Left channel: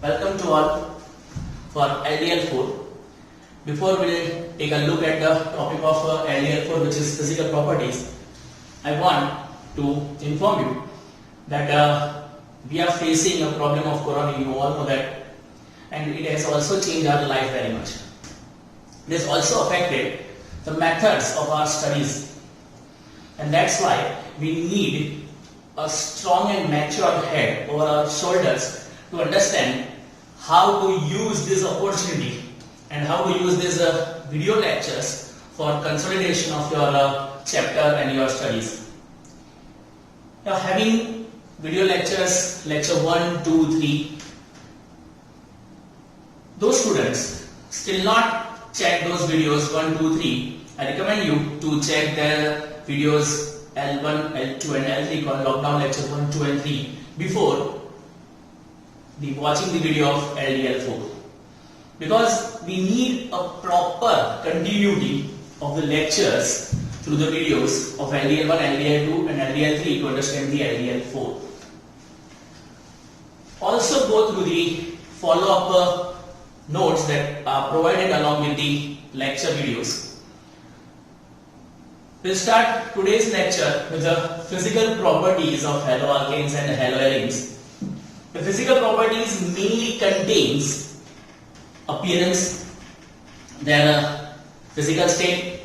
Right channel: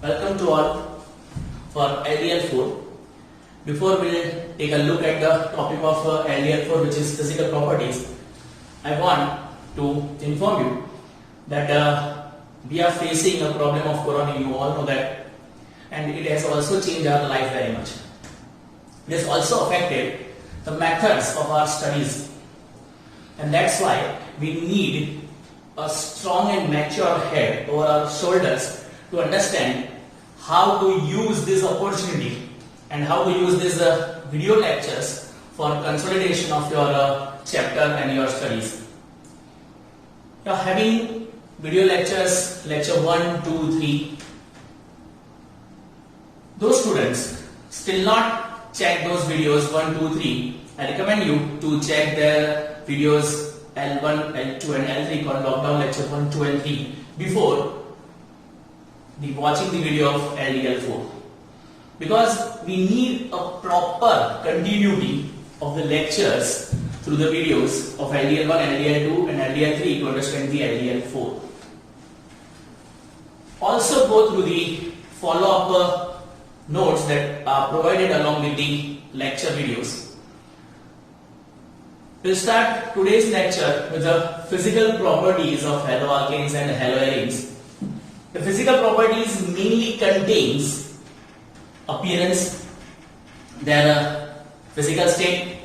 Welcome to all for LDL-4. Before we take a look at the topic of LDL-4, which is physical properties, I want to inform you that we are facing a problem of corona. You all know that, and it has also changed our life very much. It has also affected the methods of our studies, and that's why we need a strong and matured head over our shoulders to understand how to use this opportunity and how to use these video lectures for consolidation of your chapter and your studies. You are having video lectures, lecture 1, 2, 3. Those students still not check those videos 1, 2, 3. I recommend you to check their videos L1, L2 and L3 called lockdown lecture 1, 2 and 3 before watching the video of LDL-4, because we need a proper continuity of the lectures through the videos of LDL-1, LDL-2 and LDL-3 to understand the LDL-4. Also go through the follow-up notes that are provided along with the lecture videos. We'll start today's lecture with the physical properties of haloalkanes and haloarenes. The physical properties mainly contains appearance, their physical state,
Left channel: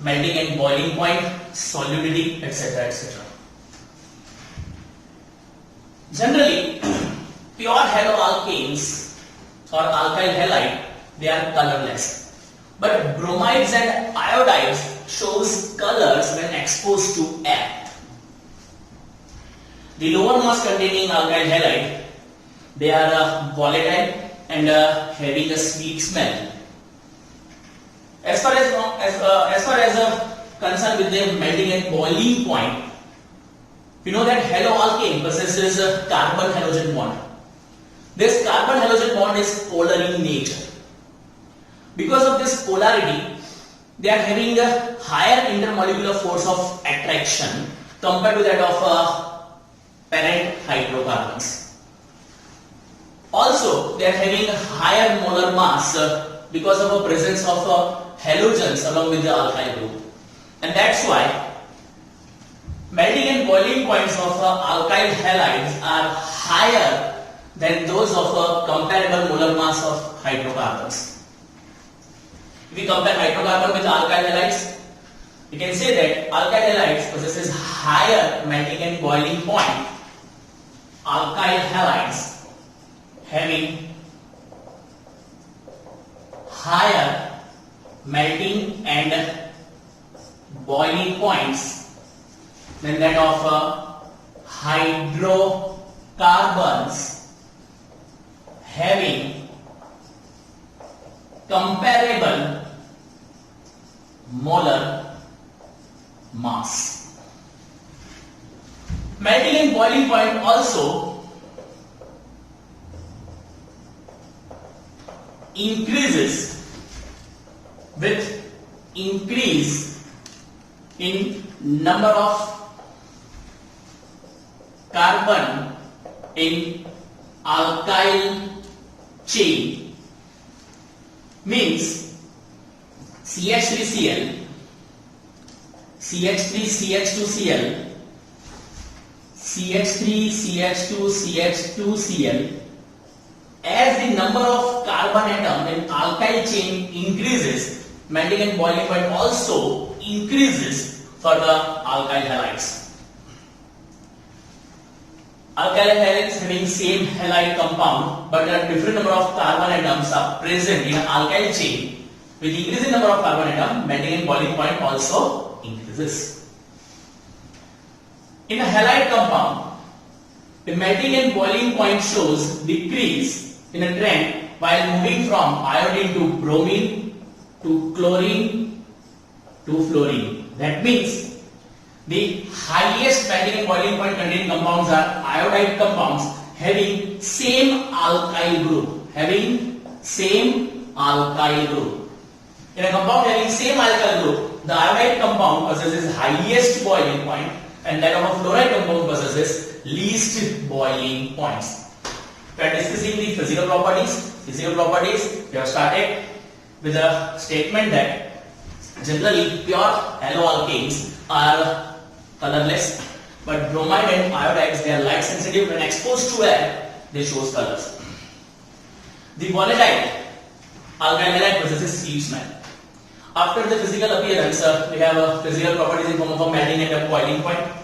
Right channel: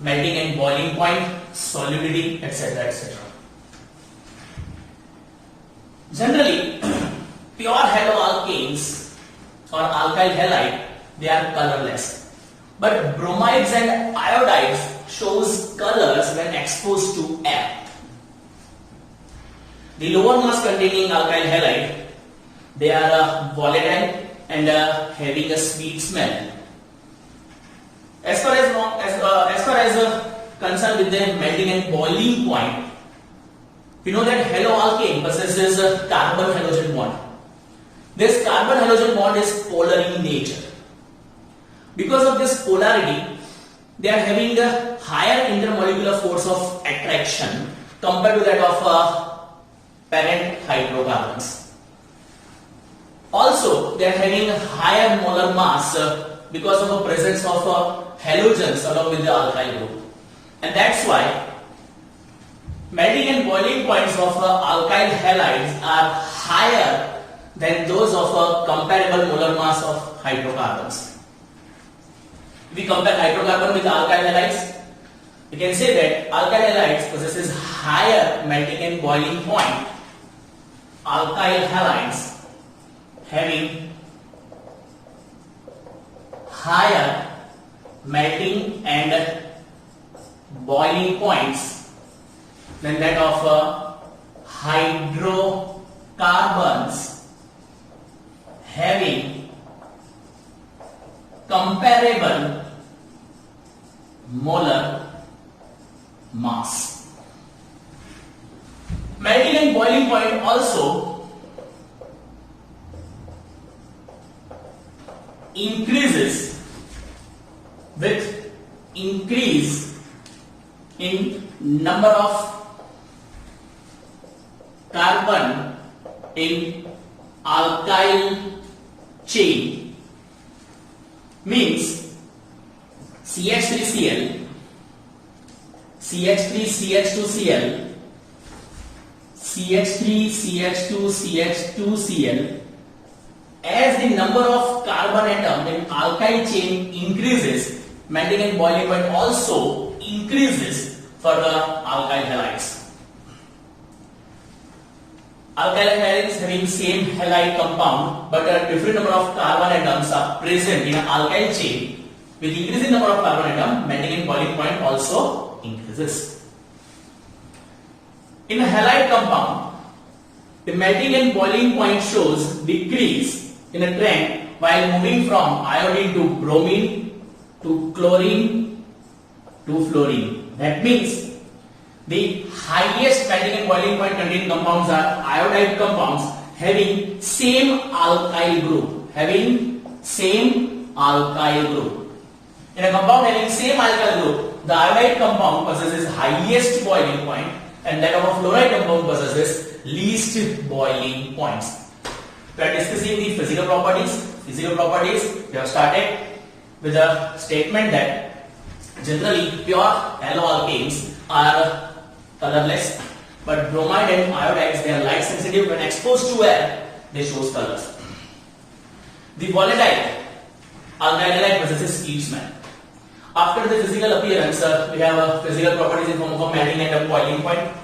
melting and boiling point, solubility, etc. etc. Generally, pure haloalkanes or alkyl halide, they are colorless. But bromides and iodides shows colors when exposed to air. The lower mass containing alkyl halide, they are volatile and having a sweet smell. As far as concerned with the melting and boiling point, we know that haloalkane possesses a carbon-halogen bond. This carbon-halogen bond is polar in nature. Because of this polarity, they are having a higher intermolecular force of attraction compared to that of parent hydrocarbons. Also, they are having a higher molar mass because of the presence of halogens along with the alkyl group. And that's why melting and boiling points of alkyl halides are higher than those of comparable molar mass of hydrocarbons. If we compare hydrocarbon with alkyl halides, we can say that alkyl halides possesses higher melting and boiling point. Alkyl halides having higher melting and boiling points than that of hydrocarbons having comparable molar mass. Melting and boiling point also increases with increase in number of carbon in alkyl chain. Means CH3Cl, CH3CH2Cl, CH3CH2CH2Cl, as the number of carbon atom in alkyl chain increases, melting and boiling point also increases for the alkyl halides. Alkyl halides having same halide compound, but a different number of carbon atoms are present in an alkyl chain. With increasing number of carbon atom, melting and boiling point also increases. In a halide compound, the melting and boiling point shows decrease in a trend while moving from iodine to bromine to chlorine to fluorine. That means the highest melting and boiling point containing compounds are iodide compounds having same alkyl group. In a compound having same alkyl group, the iodide compound possesses highest boiling point and that of a fluoride compound possesses least boiling points. We are discussing the physical properties. Physical properties, we have started with a statement that generally pure haloalkanes are colorless, but bromide and iodides, they are light sensitive. When exposed to air, they show colors. The volatile alkyl halide possesses heat smell. After the physical appearance, we have physical properties in form of a melting and a boiling point.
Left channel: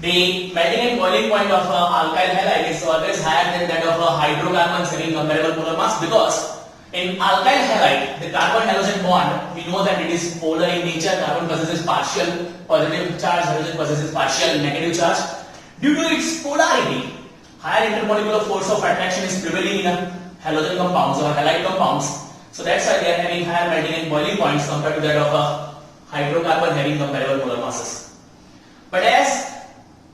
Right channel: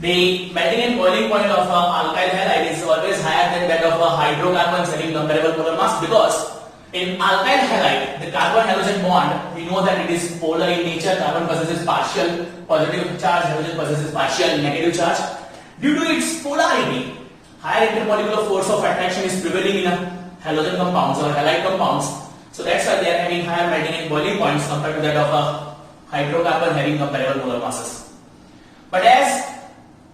The melting and boiling point of alkyl halide is always higher than that of hydrocarbons having comparable polar mass, because in alkyl halide, the carbon halogen bond, we know that it is polar in nature. Carbon possesses partial positive charge, halogen possesses partial negative charge. Due to its polarity, higher intermolecular force of attraction is prevailing in halogen compounds or halide compounds. So that's why they are having higher melting and boiling points compared to that of a hydrocarbon having comparable molar masses. But as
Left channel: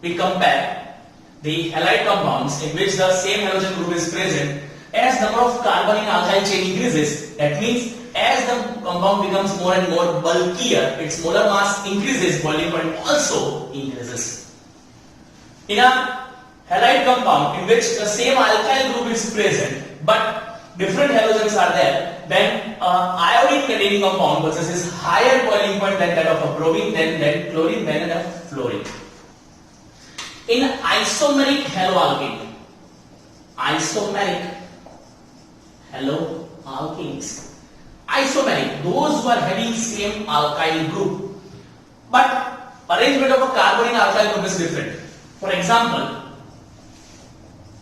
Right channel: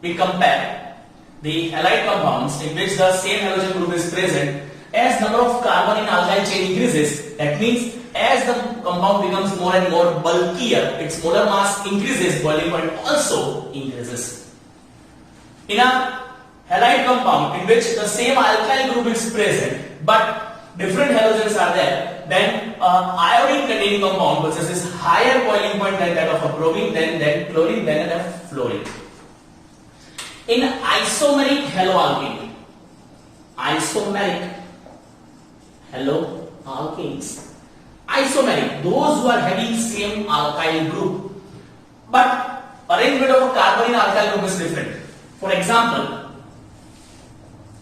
we compare the halide compounds in which the same halogen group is present, as number of carbon in alkyl chain increases, that means as the compound becomes more and more bulkier, its molar mass increases, boiling point also increases. In a halide compound in which the same alkyl group is present but different halogens are there, then iodine containing compound possesses higher boiling point than that of a bromine, then chlorine, then a fluorine. In isomeric haloalkane, isomeric haloalkanes, isomeric, those who are having same alkyl group, but arrangement of a carbon in alkyl group is different. For example,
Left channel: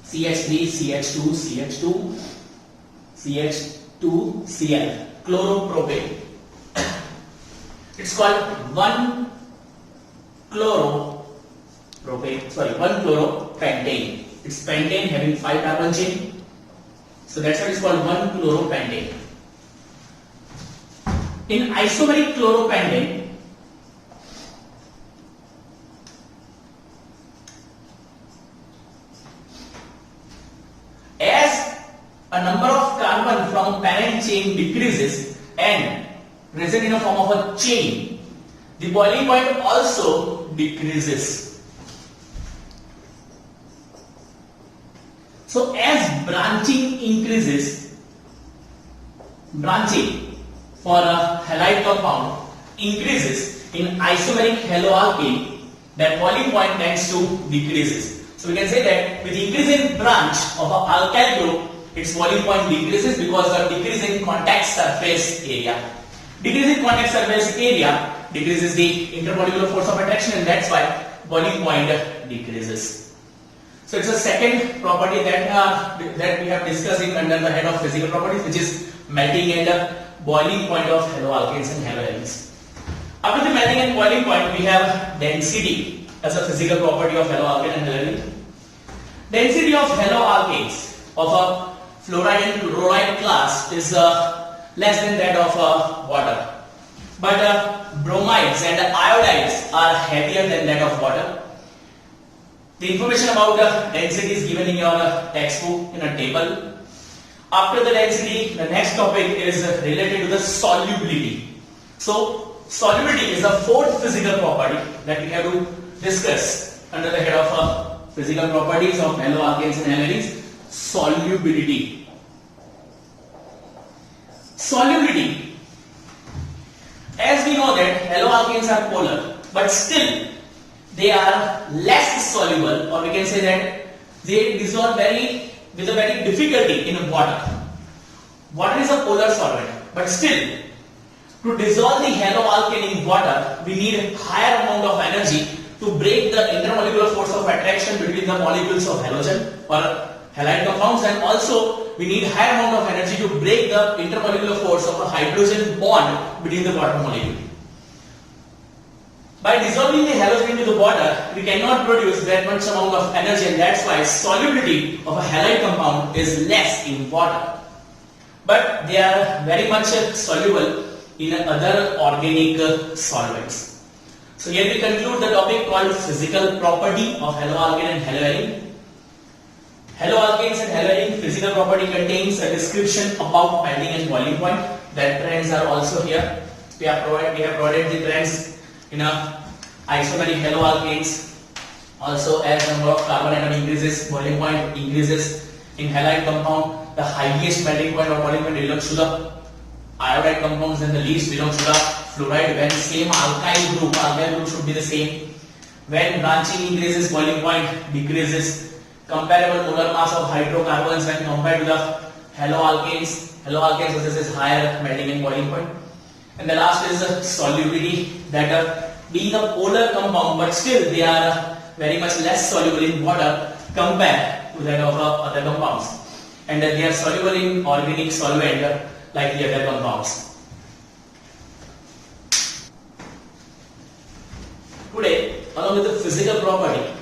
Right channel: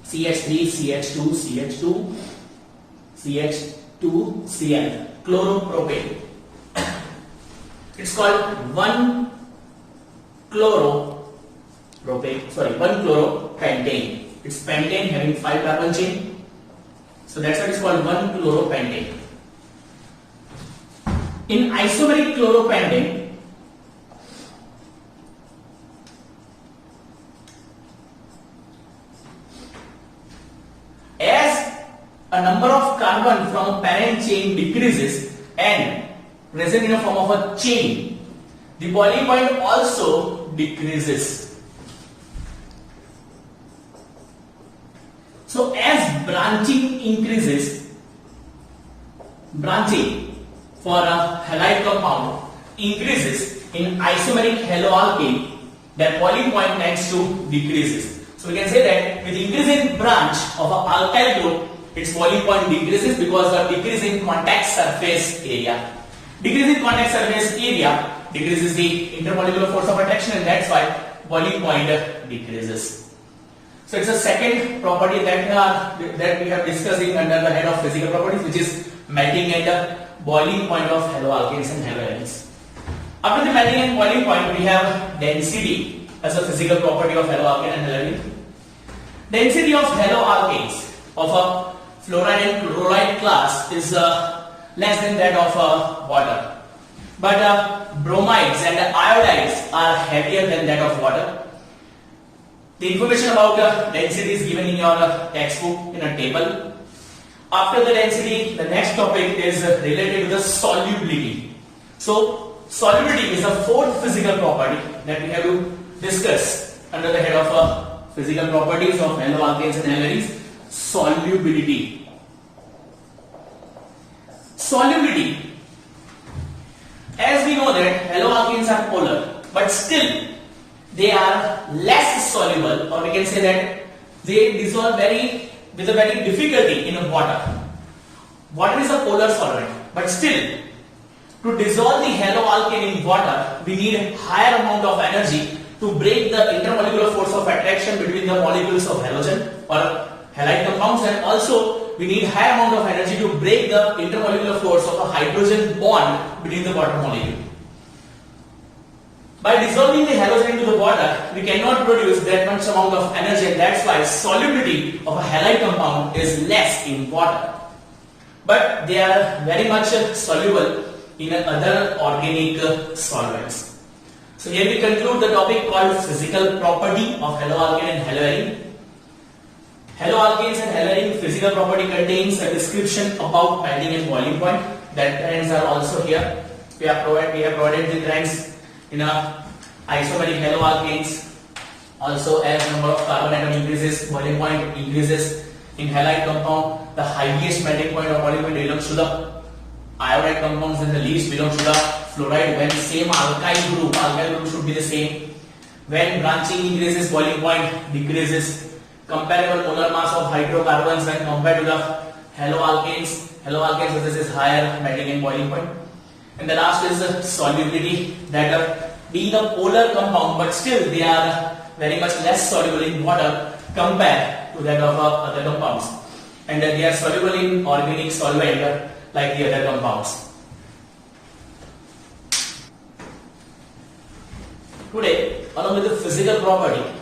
CH3, CH2, CH2, CH2, Cl, chloropropane. It's called 1-chloropropane. It's pentane having 5 carbon chain. So that's why it's called 1-chloropentane. In isomeric chloropentane, as a number of carbon from parent chain decreases and present in a form of a chain, the boiling point also decreases. So as branching increases, branching for a halide compound increases in isomeric haloalkane, their boiling point tends to decreases. So we can say that with increasing branch of an alkyl group, its boiling point decreases because of decreasing contact surface area. Decreasing contact surface area decreases the intermolecular force of attraction, and that's why boiling point decreases. So it's a second property that we have discussing under the head of physical properties, which is melting and boiling point of haloalkanes and haloarenes. After the melting and boiling point, we have density as a physical property of haloalkane and haloarene. Density of haloalkanes of a fluoride and chloride class is less than that of water. But bromides and iodides are heavier than that of water. The information about density is given in your textbook in a table. After the density, the next topic is related to the solubility. So, solubility is the fourth physical property that we have to discuss under the head of physical properties of haloalkanes and haloarenes. Solubility. Solubility. As we know that haloalkanes are polar, but still they are less soluble, or we can say that they dissolve with a very difficulty in water. Water is a polar solvent, but still to dissolve the haloalkane in water, we need higher amount of energy to break the intermolecular force of attraction between the molecules of halogen or halide compounds, and also we need higher amount of energy to break the intermolecular force of a hydrogen bond between the water molecule. By dissolving the halogen into the water, we cannot produce that much amount of energy, and that's why solubility of a halide compound is less in water. But they are very much soluble in other organic solvents. So here we conclude the topic called physical property of haloalkane and haloarene. Haloalkanes and haloarene physical property contains a description about melting and boiling point. That trends are also here. We have provided the trends in a isomeric haloalkanes. Also, as number of carbon atom increases, boiling point increases. In halide compound, the highest melting point of boiling point belongs to the iodide compounds and the least belongs to the fluoride. When same alkyl group should be the same. When branching increases, boiling point decreases. Comparable molar mass of hydrocarbons when compared to the haloalkanes. Haloalkanes possesses higher melting and boiling point. And the last is solubility, that being a polar compound, but still they are very much less soluble in water compared to that of other compounds. And they are soluble in organic solvent like the other compounds. Today, along with the physical property,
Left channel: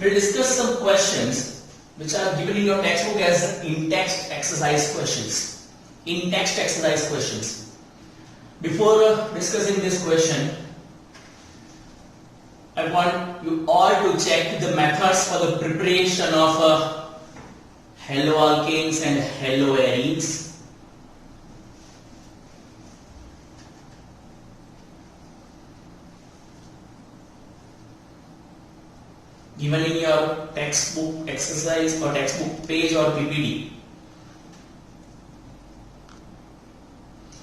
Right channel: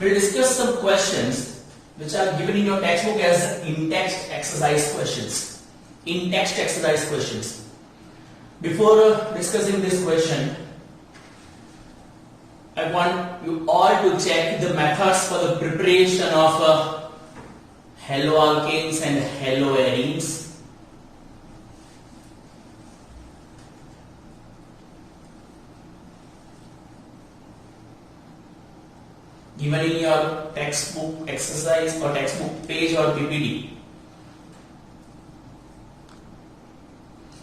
we will discuss some questions which are given in your textbook as in-text exercise questions. In-text exercise questions. Before discussing this question, I want you all to check the methods for the preparation of haloalkanes and haloarenes. Given in your textbook exercise or textbook page or PPT.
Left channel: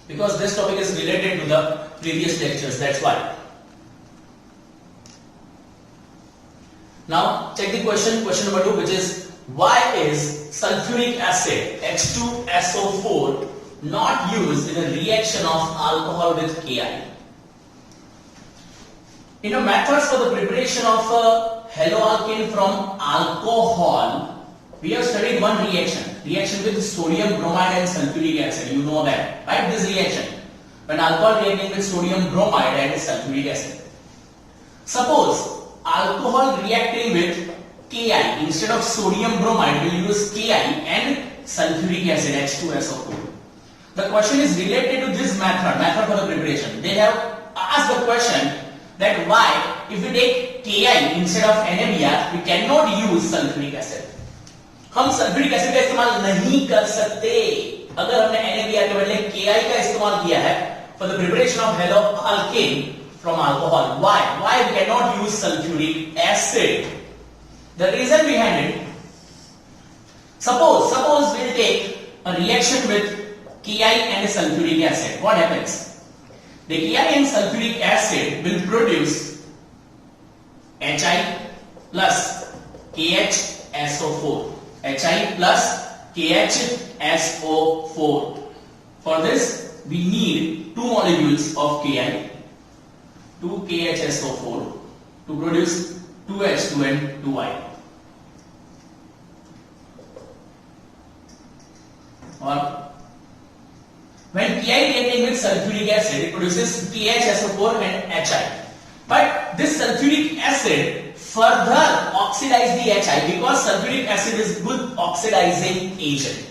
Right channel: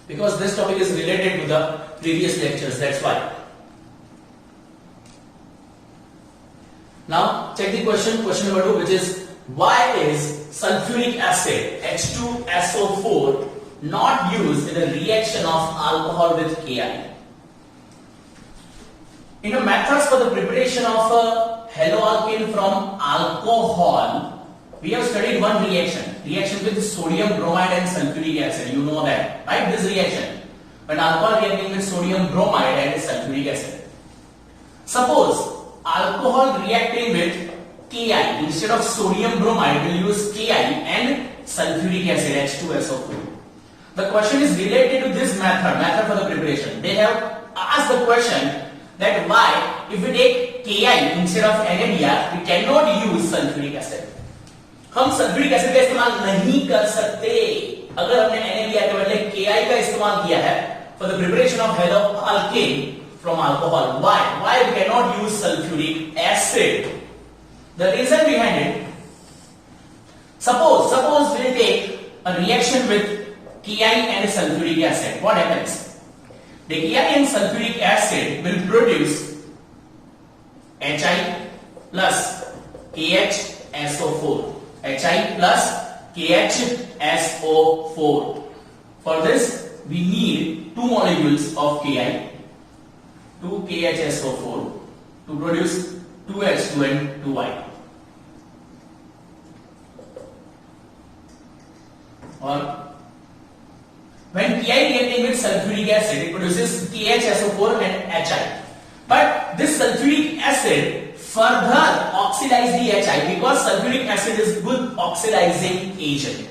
Because this topic is related to the previous lectures, that's why. Now check the question number 2, which is why is sulfuric acid H2SO4 not used in a reaction of alcohol with Ki? In the methods for the preparation of haloalkane from alcohol, we have studied one reaction with sodium bromide and sulfuric acid. You know that, right? This reaction, when alcohol reacting with sodium bromide and sulfuric acid. Suppose alcohol reacting with Ki, instead of sodium bromide, we use Ki and sulfuric acid H2SO4. The question is related to this method for the preparation. They have asked the question that why, if we take Ki instead of NaBr, we cannot use sulfuric acid. हम sulphuric acid का इस्तेमाल नहीं कर सकते अगर हमने NaBr के बदले Ki का इस्तेमाल किया है for the preparation of haloalkane from alcohol. Why we cannot use sulfuric acid? The reason behind it, suppose we'll take a reaction with Ki and a sulfuric acid. What happens? The Ki and sulfuric acid will produce Hi plus KHSO4. Hi plus KHSO4. For this, we need 2 molecules of Ki, 2 KHSO4 to produce 2H2 and 2Y. Or when Ki reacting with sulfuric acid, it produces KHSO4 and Hi. But this sulfuric acid further oxidize the Hi because sulfuric acid is good oxidizing agent.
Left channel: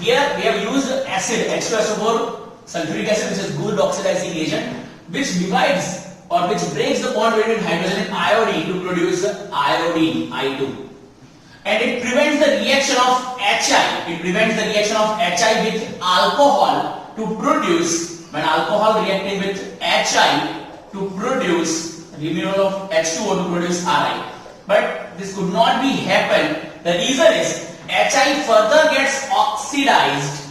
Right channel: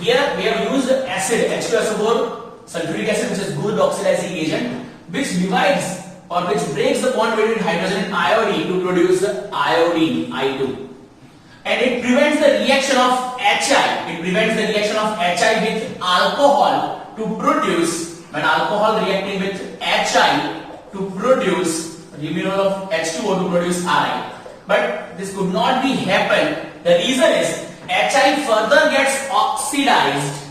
Here we have used acid H2SO4, sulfuric acid, which is good oxidizing agent, which divides or which breaks the bond between hydrogen and iodine to produce iodine I2. And it prevents the reaction of Hi. It prevents the reaction of Hi with alcohol to produce, when alcohol reacting with Hi to produce removal of H2O to produce Ri. But this could not be happen. The reason is Hi further gets oxidized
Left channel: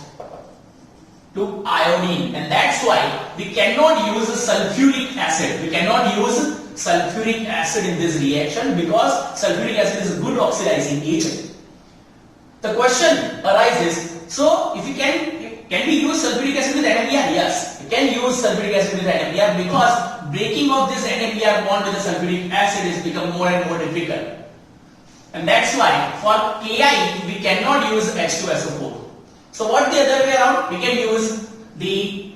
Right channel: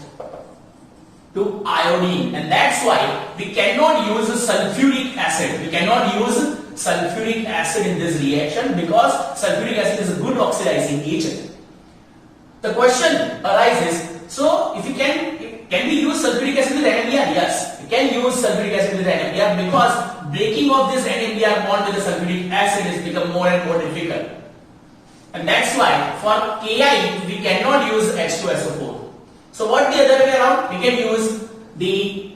to iodine, and that's why we cannot use sulfuric acid. We cannot use sulfuric acid in this reaction because sulfuric acid is a good oxidizing agent. The question arises, so if we can we use sulfuric acid with NaBr? Yes, we can use sulfuric acid with NaBr because breaking of this NaBr bond with the sulfuric acid is become more and more difficult. And that's why for Ki we cannot use H2SO4. So what the other way around? We can use the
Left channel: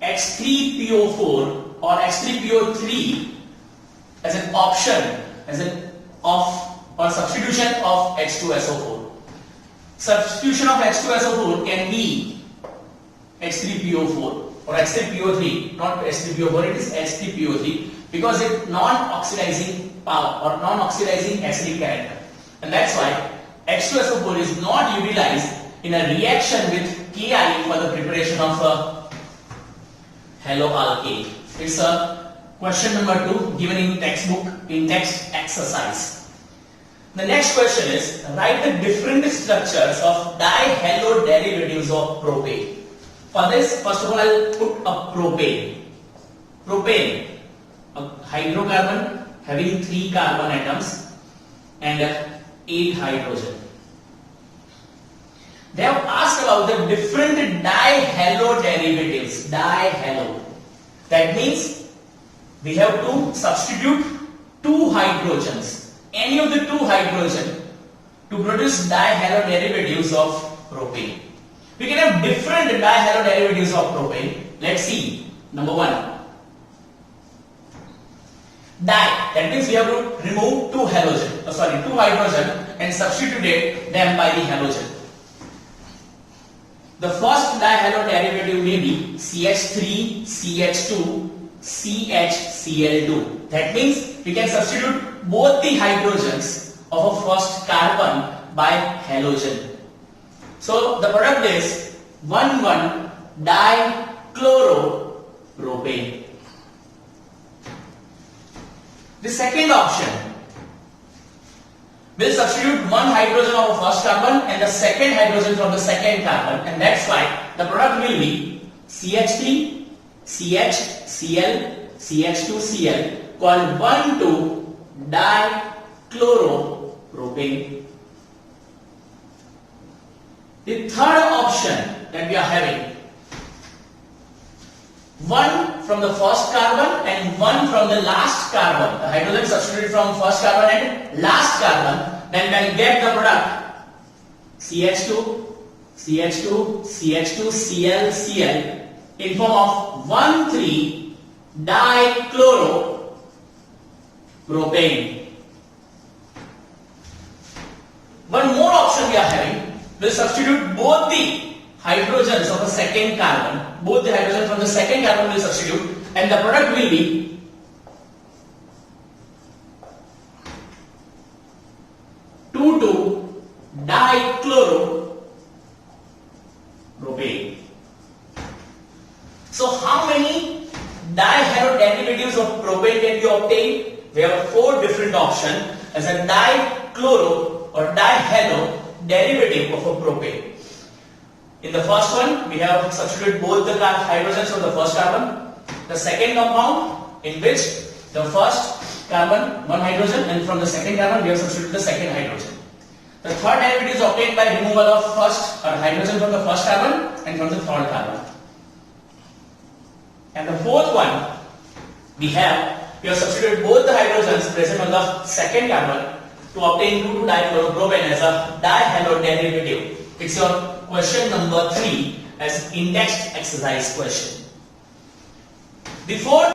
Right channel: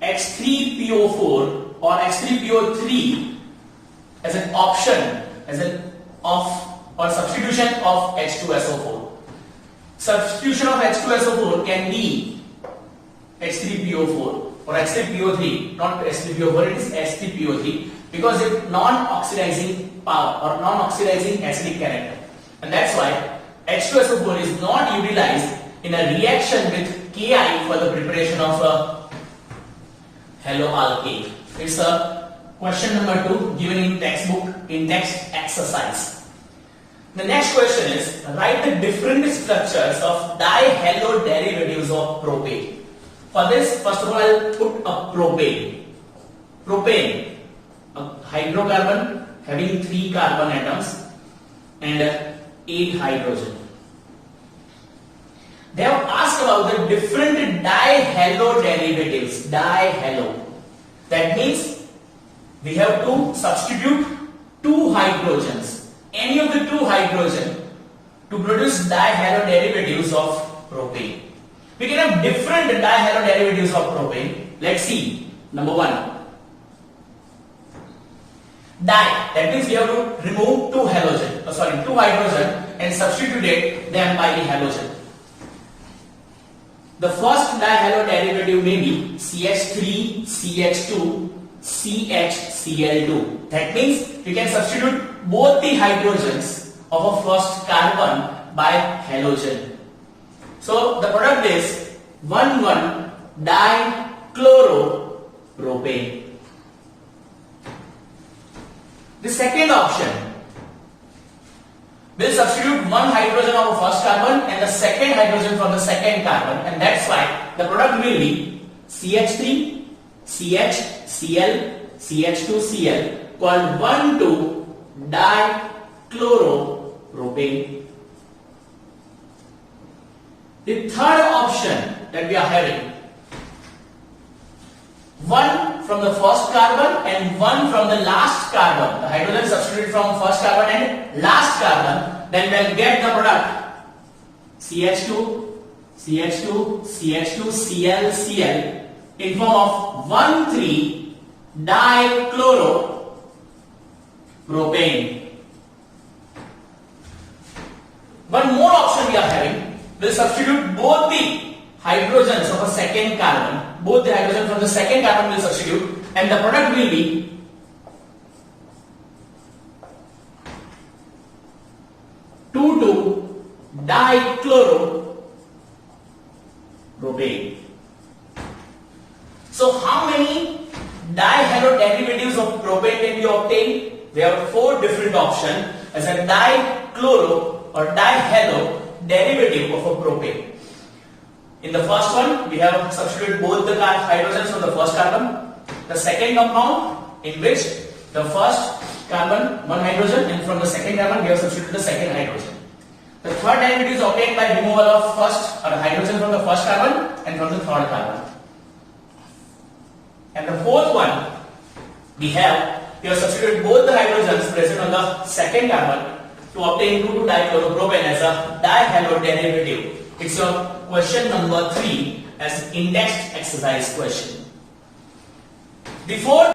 H3PO4 or H3PO3 as an option, as an substitution of H2SO4. Substitution of H2SO4 can be H3PO4 or H3PO3, not H3PO4, it is H3PO3 because it non-oxidizing power or non-oxidizing acidic character. And that's why H2SO4 is not utilized in a reaction with Ki for the preparation of haloalkane. It's a question number 2 given in textbook in text exercise. The next question is, write the different structures of dihalo derivatives of propane. For this, first of all, I'll put a propane. Propane, a hydrocarbon having 3 carbon atoms and 8 hydrogen. They have asked about the different dihalo derivatives. Dihalo. That means we have to substitute 2 hydrogens, any of the 2 hydrogen, to produce dihalo derivatives of propane. We can have different dihalo derivatives of propane. Let's see. Number 1. Di. That means we have to remove 2 hydrogen and substitute them by the halogen. The first dihalo derivative may be CH3, CH2, CHCl2. That means we can substitute both the hydrogens of a first carbon by halogen. So the product is 1,1-dichloropropane. The second option, we'll substitute 1 hydrogen of the first carbon and the second hydrogen from the second carbon, and that's why the product will be CH3, CHCl, CH2Cl called 1,2-dichloropropane. The third option that we are having, 1 from the first carbon and 1 from the last carbon. The hydrogen substituted from first carbon and last carbon, then we'll get the product CH2, CH2, CH2, Cl, Cl in form of 1,3-dichloropropane. One more option we are having. We'll substitute both the hydrogens of a second carbon. Both the hydrogens from the second carbon will substitute, and the product will be (2,2-dichloropropane). So how many dihalo derivatives of propane can you obtain? We have 4 different options as a dichloro or dihalo derivative of a propane. In the first one, we have substituted both the hydrogens from the first carbon. The second compound, in which the first carbon, 1 hydrogen, and from the second carbon, we have substituted the second hydrogen. The third derivative is obtained by removal of first hydrogen from the first carbon and from the third carbon. And the fourth one, we have substituted both the hydrogens present on the second carbon to obtain 2,2-dichloropropane as a dihalo derivative. It's your question number 3 as indexed exercise question. Before